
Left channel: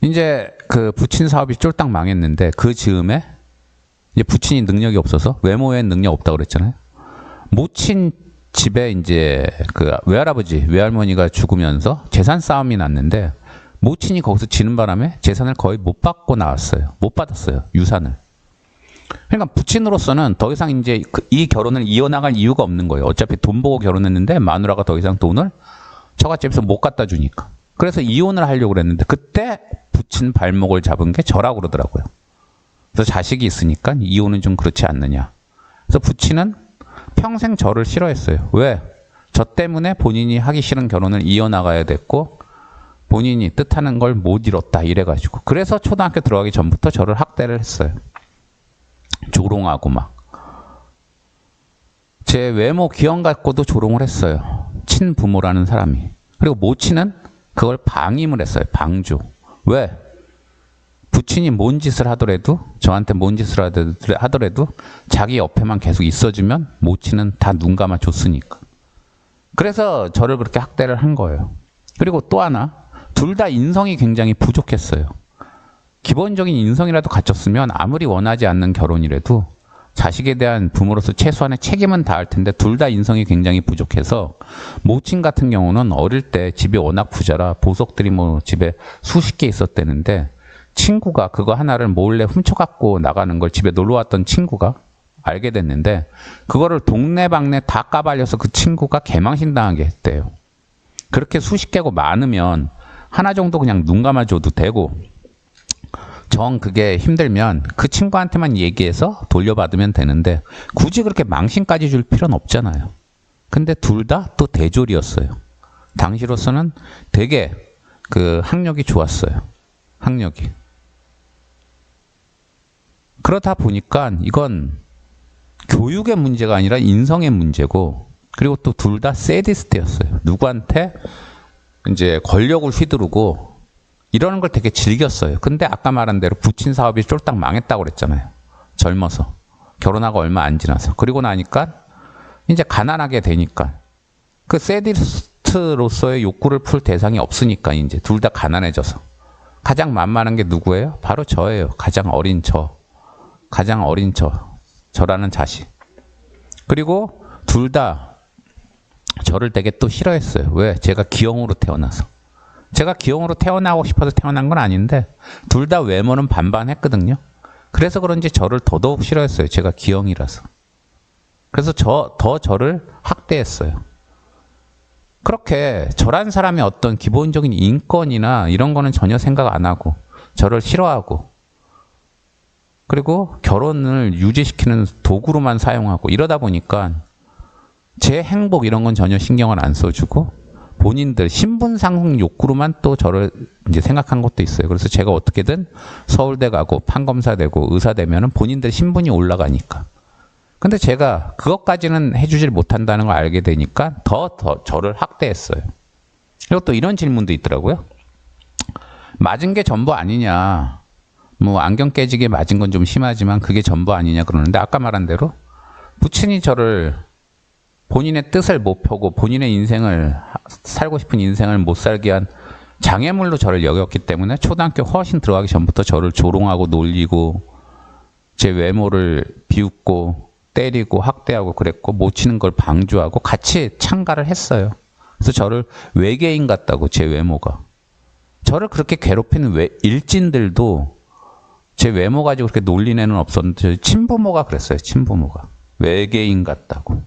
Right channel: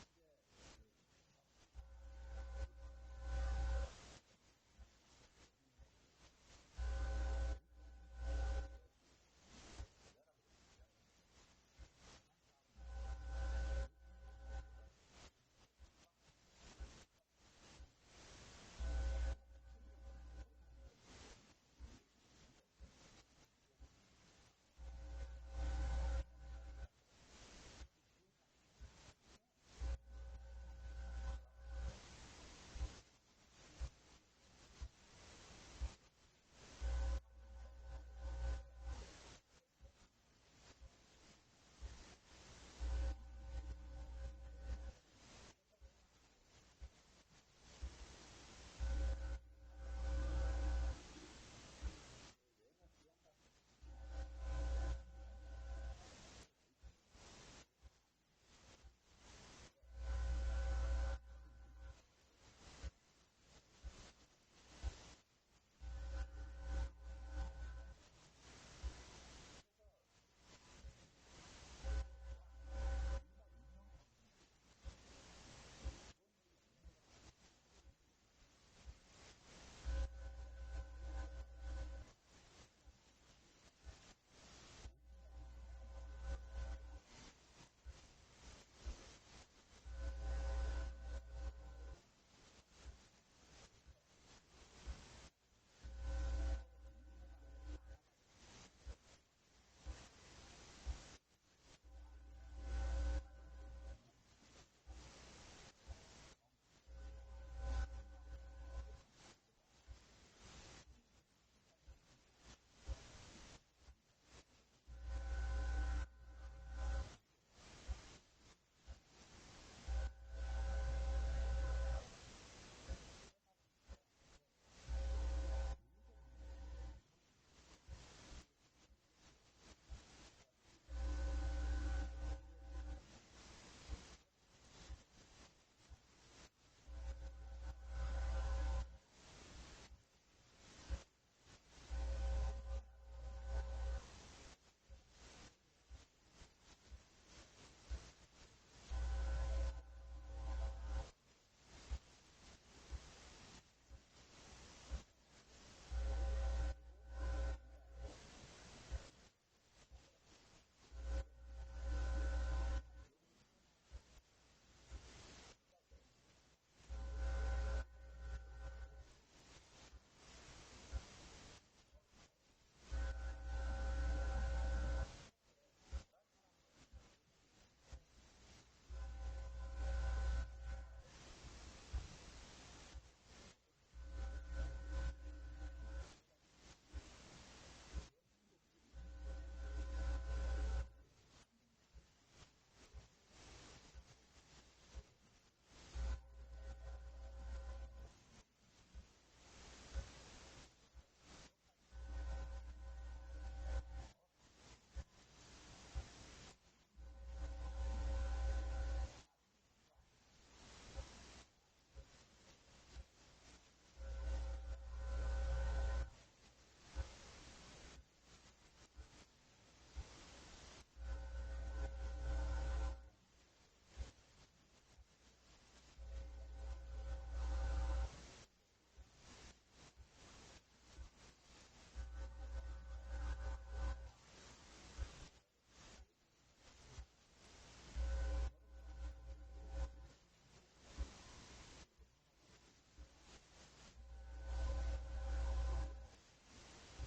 이제 그 부친 사업이 쫄딱 망했는데 그 즈음에 이제 부친이 능력이 없어서 외모엔 능력 없다고 그랬잖아요. 모친 집에 이제 그 외할아버지, 외할머니가 죽으면서 재산 싸움이 났는데 모친이 거기서 지는 바람에 재산을 거의 못 받고 나왔어요. 못 받았어요, 유산을. 그러니까 부친으로서는 더 이상 이제 이 결혼을 이어나갈 이유가 없는 거예요. 어차피 돈 보고 결혼했는데 마누라가 더 이상 돈을 처갓집에서 못 갖다 주니까. 그래서 이혼을 하려고 그랬는데 그때 부친 발목을 잡은 게 저라고 그러더라고요. 그래서 자식이 있으니까 이혼은 좀 그렇지 않느냐. 그래서 부친은 평생 저를 싫어했어요. 왜? 저 때문에 본인이 하기 싫은 결혼을 이어나가야 됐고 본인이 뜻하는 걸 못 이뤘다 이래가지고. 그래서 초등학교 들어가기 전부터 저를 학대를 했어요. 조롱하고 막. 제 외모 기형 갖고도 조롱을 했어요. 친부모라는 사람이. 그리고 모친은 그걸 방임을 했어요. 방조. 왜? 부친이 뭔 짓을 하더라도 저한테 뭔 짓을 하더라도 자기 옆에만 계속 있어주면 모친은 다 눈 감아 줬으니까. 그래서 저를 그렇게 학대를 한 거예요. 그리고 또 하나, 둘 다 인성이 굉장히 부족했어요. 기본적인 인성이라도 갖췄으면 아무리 원하지 않는 결혼이라도 자식에 대한 부모로서 최소한의 책임은 다할 텐데 둘 다 인성이 굉장히 부족해서 모친 같은 경우는 어릴 때 집이 워낙 부자라 보석들이 뭐 집에 수십 개 있었대는데 친구가 그거 하나를 몰래 훔쳐갖고 나가는 걸 집에 놀러 왔던 친구가 알게 됐는데 그거를 동네방네 다 까발려서 그 친구가 개망신 당하게 했대요. 그렇게 수십 개고 많으면 하나 정도 그냥 눈 감아줘도 되고 정 그게 힘들면 그 친구한테만 얘기해서 돌려받으면 되는데 굳이 그렇게 망신까지 줄 필요는 없잖아요. 근데 둘 다 또 대졸이었어요. 당시로서는 되게 그 학력이 좋았어요. 학력이. 그러다 보니까 이건 교육의 문제가 아니라 인성의 문제고 그리고 또 둘 다 세디스트였어요. 누구한테 이제 권력을 휘두르고 이러는 걸 되게 즐겼어요. 근데 아까 말한 대로 부친 사업이 쫄딱 망했다고 그랬잖아요. 젊어서. 결혼하고 얼마 안 지나서. 그리고 나니까 이제 가난하게 되니까 그 세디스트로서의 욕구를 풀 대상이 없으니까 이제 둘 다 가난해져서. 가장 만만한 게 누구예요? 바로 저예요. 가장 어린 저. 가장 어린 저라는 자식. 그리고 둘 다 저를 되게 또 싫어했어요. 왜? 제가 기형으로 태어나서. 제가 기형으로 태어나고 싶어서 태어난 건 아닌데 둘 다 외모는 반반했거든요. 그래서 그런지 저를 더더욱 싫어했어요. 제가 기형이라서. 그래서 저를 학대했어요. 그렇게 저란 사람의 어떤 기본적인 인권이나 이런 거는 전혀 생각 안 하고 저를 싫어하고 그리고 결혼을 유지시키는 도구로만 사용하고 이러다 보니까 제 행복 이런 건 전혀 신경을 안 써주고 본인들 신분상 욕구로만 또 저를 이제 생각한 것도 있어요. 그래서 제가 어떻게든 서울대 가고 판검사 되고 의사 되면은 본인들 신분이 올라가니까. 근데 제가 그것까지는 해주질 못한다는 걸 알게 되니까 더 저를 학대했어요. 그리고 또 이런 질문도 있더라고요. 맞은 게 전부 아니냐. 뭐 안경 깨지게 맞은 건 좀 심하지만 그게 전부 아니냐 그러는데 아까 말한 대로 부친이 저를 본인의 뜻을 못 펴고 본인의 인생을 살고 싶은 인생을 못 살게 한 장애물로 저를 여겼기 때문에 초등학교 훨씬 들어가기 전부터 저를 조롱하고 놀리고 제 외모를 비웃고 때리고 학대하고 그랬고 못 치는 걸 방조하고 같이 참가를 했어요. 그래서 저를 외계인 같다고 제 외모가. 저를 그렇게 괴롭히는 일진들도 제 외모 가지고 그렇게 놀린 애는 없었는데 친부모가 그랬어요. 친부모가. 외계인 같다고.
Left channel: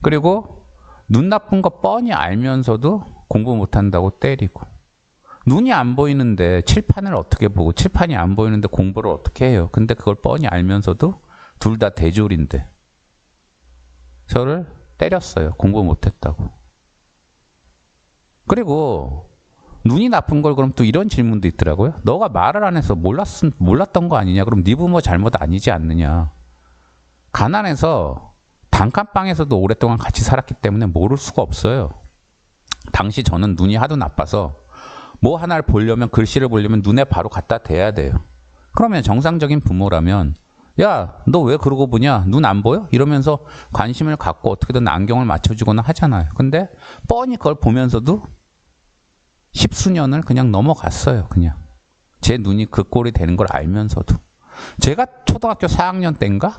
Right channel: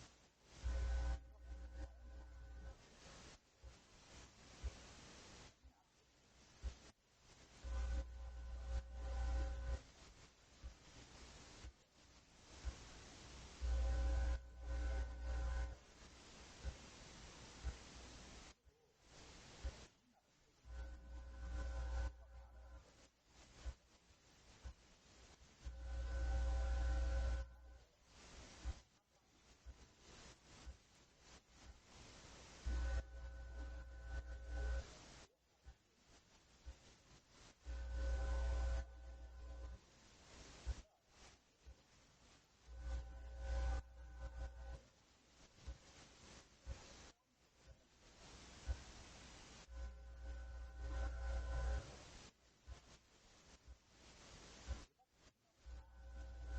그리고 눈 나쁜 거 뻔히 알면서도 공부 못한다고 때리고 눈이 안 보이는데 칠판을 어떻게 보고 칠판이 안 보이는데 공부를 어떻게 해요? 근데 그걸 뻔히 알면서도 둘 다 대졸인데 저를 때렸어요. 공부 못했다고. 그리고 눈이 나쁜 걸 그럼 또 이런 질문도 있더라고요. 너가 말을 안 해서 몰랐던 거 아니냐? 그럼 네 부모 잘못 아니지 않느냐? 가난해서 단칸방에서도 오랫동안 같이 살았기 때문에 모를 수가 없어요. 당시 저는 눈이 하도 나빠서 뭐 하나를 보려면 글씨를 보려면 눈에 바로 갖다 대야 돼요. 그러면 정상적인 부모라면 야, 너 왜 그러고 보냐? 눈 안 보여? 이러면서 관심을 갖고 어떻게든 안경을 맞춰주거나 하잖아요. 근데 뻔히 그걸 보면서도 십수년을 그냥 넘어갔어요. 그냥 제 눈이 그 꼴이 되는 걸 알면서도. 제가 초등학교 4학년 때인가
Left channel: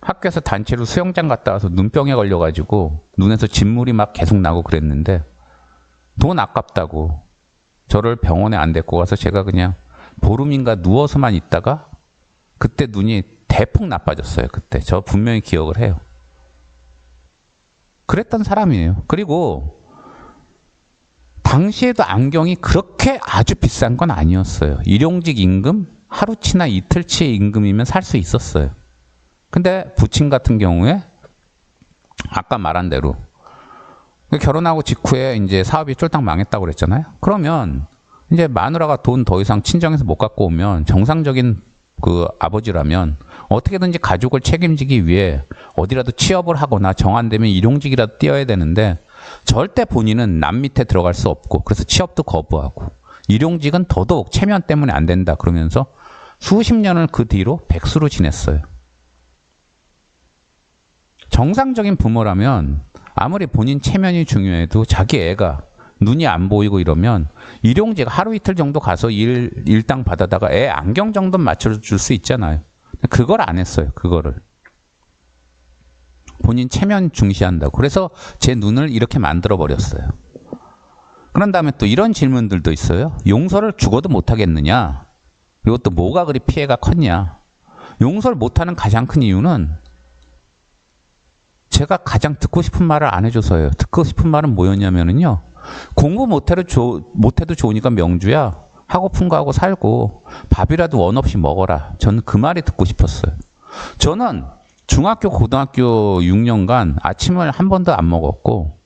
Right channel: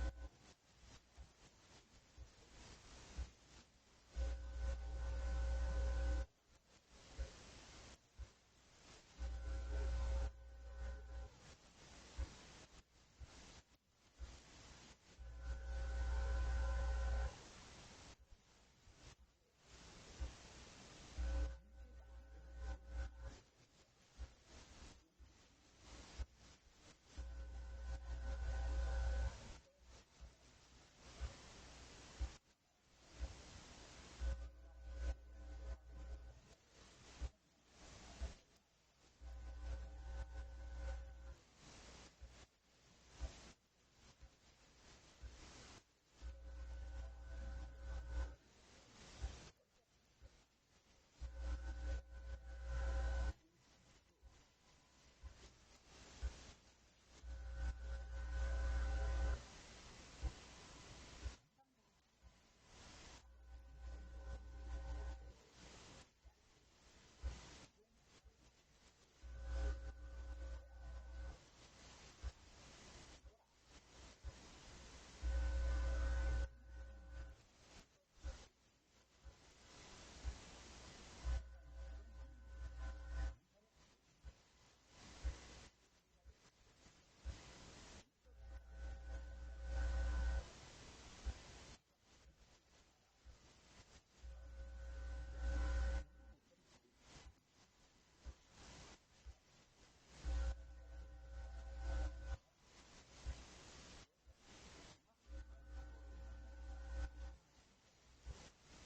학교에서 단체로 수영장 갔다 와서 눈병에 걸려가지고 눈에서 진물이 막 계속 나고 그랬는데 돈 아깝다고 저를 병원에 안 데리고 가서 제가 그냥 보름인가 누워서만 있다가 그때 눈이 대폭 나빠졌어요. 그때 저 분명히 기억을 해요. 그랬던 사람이에요. 그리고 당시에도 안경이 그렇게 아주 비싼 건 아니었어요. 일용직 임금, 하루치나 이틀치 임금이면 살 수 있었어요. 근데 부친 같은 경우에 아까 말한 대로 결혼하고 직후에 이제 사업이 쫄딱 망했다고 그랬잖아요. 그러면 이제 마누라가 돈 더 이상 친정에서 못 갖고 오면 정상적인 그 아버지라면 어떻게든지 가족을 책임지기 위해 어디라도 취업을 하거나 정한되면 일용직이라도 뛰어야 되는데 절대 본인은 남 밑에 들어갈 수 없고 그래서 취업도 거부하고 일용직은 더더욱 체면 때문에 안 된다 그러면서 수십 년을 그 뒤로 백수로 지냈어요. 정상적인 부모라면 아무리 본인 체면이 중요해도 자기 애가 눈이 안 보이고 이러면 일용직 하루 이틀 정도 가서 일당 받아다가 애 안경 정도 맞춰줄 수 있잖아요. 그걸 안 했어요. 그거를. 본인 체면 중시한다고. 그래서 제 눈을 이렇게 만들어 버렸어요. 그런 다음에 또 이런 질문들도 있어요. 용서를 죽어도 못하겠느냐? 그리고 또 뭐가 그리 피해가 컸냐? 용서를 못하는 가장 큰 이유는 제가 가장 듣고 싶은 말을 안 해줘서예요. 듣고 싶은 말은 뭐였냐면요. 공부 못해도 좋으니까 명주야. 하고픈 거 하고 살고 밥이라도 원 없이 먹어라. 저는 그 말이 듣고 싶었어요. 저는 중학교, 고등학교 6년간 아침을 한 번도 안 먹었고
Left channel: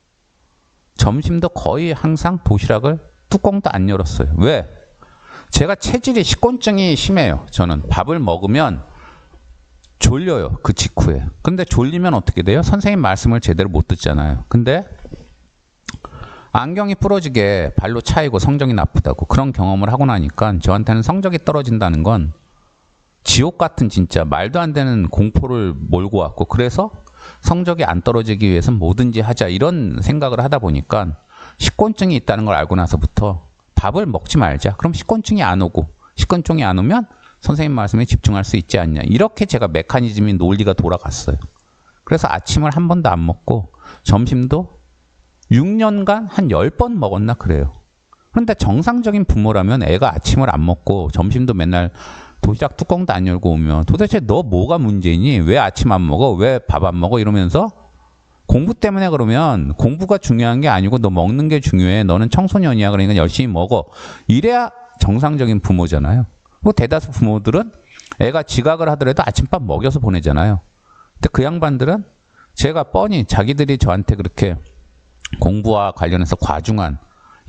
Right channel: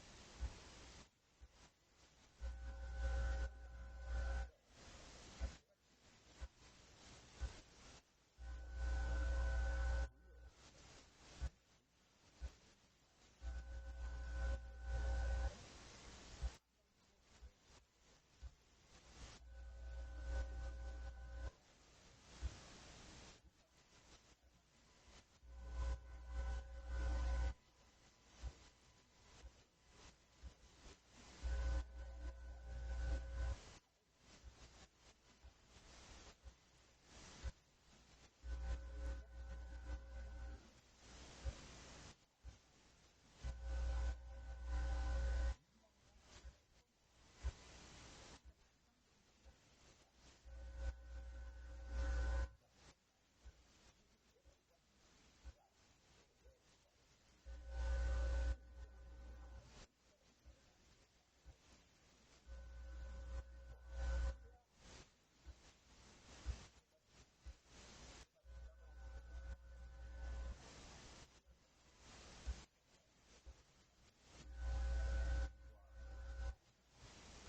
점심도 거의 항상 도시락을 뚜껑도 안 열었어요. 왜? 제가 체질이 식곤증이 심해요. 저는 밥을 먹으면 졸려요. 그 직후에. 근데 졸리면 어떻게 돼요? 선생님 말씀을 제대로 못 듣잖아요. 근데 안경이 부러지게 발로 차이고 성적이 나쁘다고 그런 경험을 하고 나니까 저한테는 성적이 떨어진다는 건 지옥 같은 진짜 말도 안 되는 공포를 몰고 왔고 그래서 성적이 안 떨어지기 위해서는 뭐든지 하자 이런 생각을 하다 보니까 식곤증이 있다는 걸 알고 나서부터 밥을 먹지 말자. 그럼 식곤증이 안 오고 식곤증이 안 오면 선생님 말씀에 집중할 수 있지 않냐. 이렇게 제가 메커니즘이 논리가 돌아갔어요. 그래서 아침을 한 번도 안 먹고 점심도 6년간 한 10번 먹었나 그래요. 그런데 정상적인 부모라면 애가 아침을 안 먹고 점심도 맨날 도시락 뚜껑도 안 열고 오면 도대체 너 뭐가 문제니? 왜 아침 안 먹어? 왜 밥 안 먹어? 이러면서 공부 때문에 그러면 공부가 중요한 게 아니고 너 먹는 게 중요해. 너는 청소년이야. 그러니까 열심히 먹어. 이래야 정상적인 부모잖아요. 뭐 대다수 부모들은 애가 지각을 하더라도 아침밥 먹여서 보내잖아요. 근데 그 양반들은 제가 뻔히 자기들이 저한테 그렇게 공부와 관련해서 과중한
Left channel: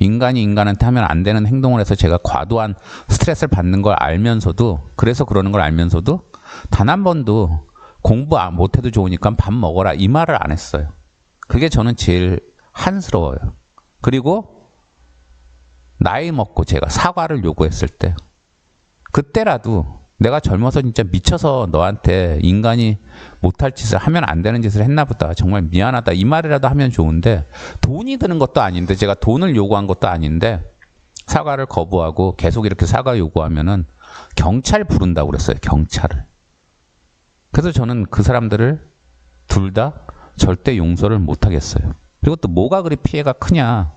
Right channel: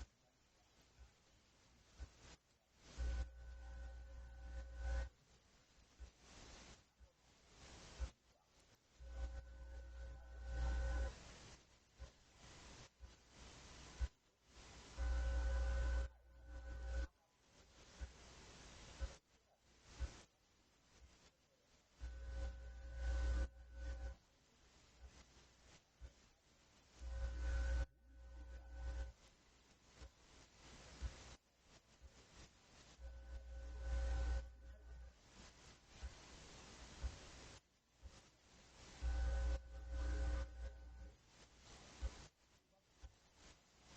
인간이 인간한테 하면 안 되는 행동을 해서 제가 과도한 스트레스를 받는 걸 알면서도 그래서 그러는 걸 알면서도 단 한 번도 공부 못해도 좋으니까 밥 먹어라 이 말을 안 했어요. 그게 저는 제일 한스러워요. 그리고 나이 먹고 제가 사과를 요구했을 때 그때라도 내가 젊어서 진짜 미쳐서 너한테 인간이 못할 짓을 하면 안 되는 짓을 했나 보다. 정말 미안하다. 이 말이라도 하면 좋은데 돈이 드는 것도 아닌데 제가 돈을 요구한 것도 아닌데 사과를 거부하고 계속 이렇게 사과 요구하면은 경찰 부른다고 그랬어요. 경찰을. 그래서 저는 그 사람들을 둘 다 절대 용서를 못 하겠어요. 그리고 또 뭐가 그리 피해가 크냐.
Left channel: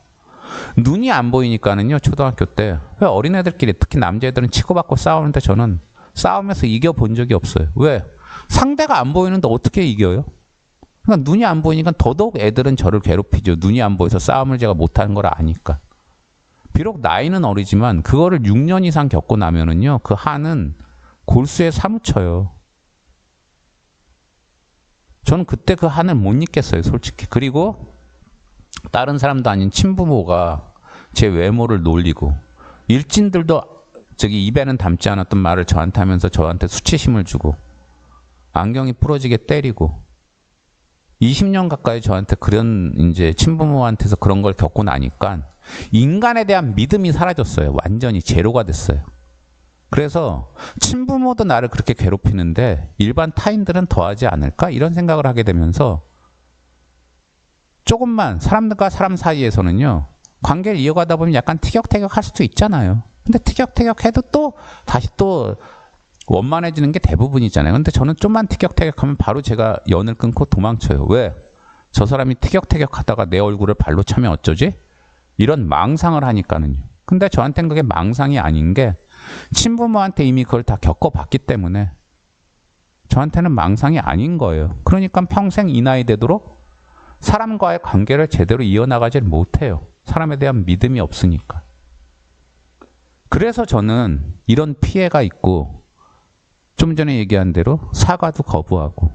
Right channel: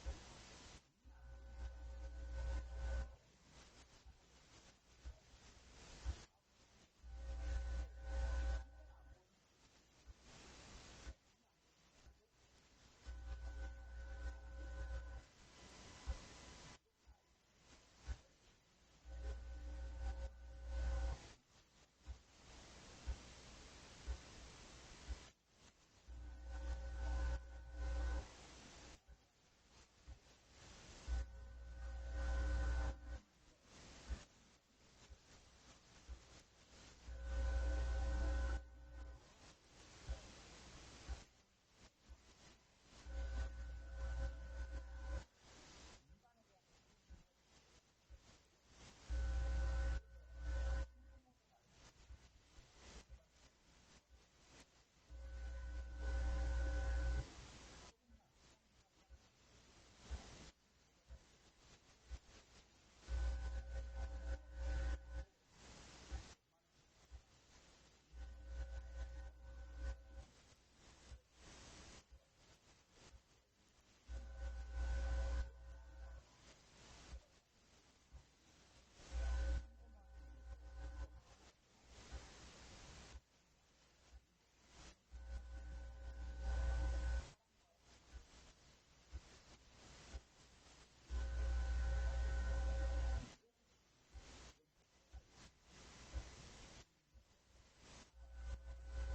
눈이 안 보이니까는요. 초등학교 때 왜 어린애들끼리 특히 남자애들은 치고받고 싸우는데 저는 싸움에서 이겨본 적이 없어요. 왜? 상대가 안 보이는데 어떻게 이겨요? 그러니까 눈이 안 보이니까 더더욱 애들은 저를 괴롭히죠. 눈이 안 보여서 싸움을 제가 못하는 걸 아니까. 비록 나이는 어리지만 그거를 6년 이상 겪고 나면은요, 그 한은 골수에 사무쳐요. 저는 그때 그 한을 못 잊겠어요, 솔직히. 그리고 다른 사람도 아닌 친부모가 제 외모를 놀리고, 일진들도 저기 입에는 담지 않았던 말을 저한테 하면서 저한테 수치심을 주고, 안경이 부러지게 때리고, 20년 가까이 저한테 그런 이제 친부모한테서 그런 걸 겪고 나니까 인간에 대한 믿음이 사라졌어요. 완전히 제로가 됐어요. 그래서 친부모도 나를 그렇게 괴롭히는데 일반 타인들은 더하지 않을까? 이런 생각을 하게 되면서 조금만 사람들과 사람 사이에서는요, 관계를 이어가다 보면 약간 티격태격 할 수도 있잖아요. 근데 티격태격 해도 또 다시 또 원만해지는 게 대부분이잖아요. 근데 저는 좀만 티격태격하면 바로 제가 연을 끊고 도망쳐요. 왜? 저 사람이 티격태격 하다가 내 얼굴을 발로 차면 어쩌지? 이런 망상을 하니까는요. 근데 저한테는 그게 망상이 아닌 게 친부모한테 이미 그걸 다 겪어봤기 때문에 저한테는 망상이 아닌 거예요. 그러니까 평생 이 나이 되도록 사람과의 관계를 제대로 이어나가질 못해요. 사람에 대한 믿음이 없으니까. 그래서 저는 이런 피해가 있고, 좀 전에 얘기한 대로 사과도 거부하고,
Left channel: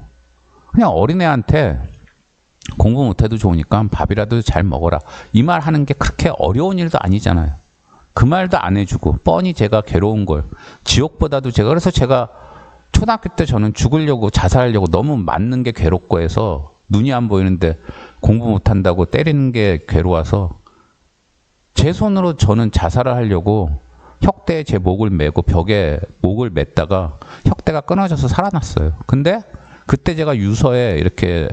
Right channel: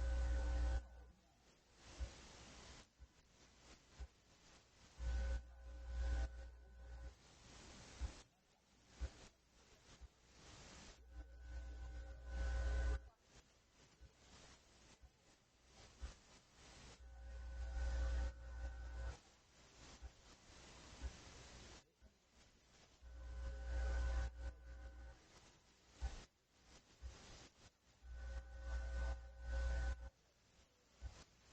그냥 어린애한테 공부 못해도 좋으니까 밥이라도 잘 먹어라, 이 말 하는 게 그렇게 어려운 일도 아니잖아요. 그 말도 안 해주고 뻔히 제가 괴로운 걸, 지옥보다도 그래서 제가 초등학교 때 저는 죽으려고 자살하려고 너무 맞는 게 괴롭고 해서 눈이 안 보이는데 공부 못한다고 때리는 게 괴로워서 제 손으로 저는 자살을 하려고 혁대에 제 목을 메고 벽에 목을 맸다가 혁대가 끊어져서 살아났어요. 근데 그때 제가 유서에 이렇게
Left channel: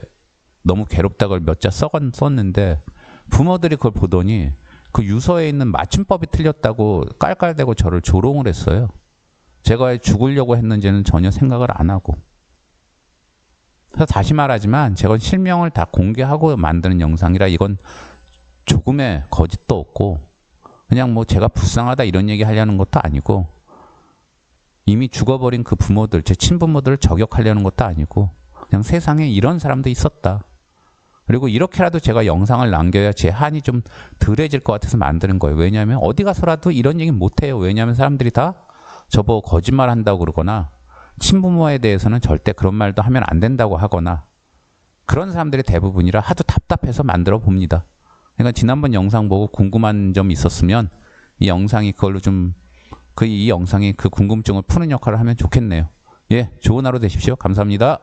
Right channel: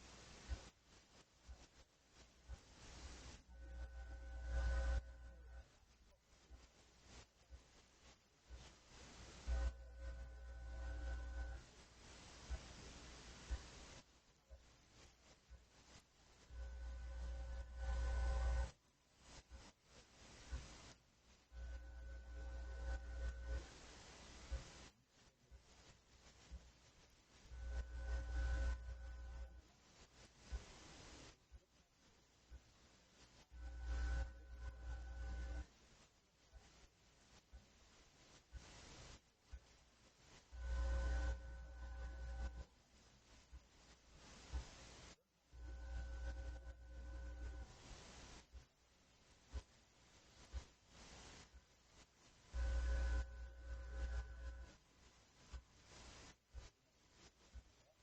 너무 괴롭다고 몇 자 썼는데 부모들이 그걸 보더니 그 유서에 있는 맞춤법이 틀렸다고 깔깔대고 저를 조롱을 했어요. 제가 왜 죽으려고 했는지는 전혀 생각을 안 하고. 그래서 다시 말하지만 제가 실명을 다 공개하고 만드는 영상이라 이건 조금의 거짓도 없고, 그냥 뭐 제가 불쌍하다 이런 얘기 하려는 것도 아니고, 이미 죽어버린 그 부모들, 제 친부모들을 저격하려는 것도 아니고, 그냥 세상에 이런 사람도 있었다. 그리고 이렇게라도 제가 영상을 남겨야 제 한이 좀 덜해질 것 같아서 만드는 거예요. 왜냐하면 어디 가서라도 이런 얘기 못해요. 왜냐하면 사람들이 다 저보고 거짓말 한다고 그러거나, 친부모에 대해서는 절대 그런 말도 하면 안 된다고 하거나, 그런 사람들이 대부분이라 하도 답답해서 만들어 봅니다. 그러니까 지난번 영상 보고 궁금한 점 있었으면 이 영상이 그걸로 좀, 이 영상이 그 궁금증을 푸는 역할을 하면 좋겠네요. 예, 좋은 하루 되십시오. 감사합니다.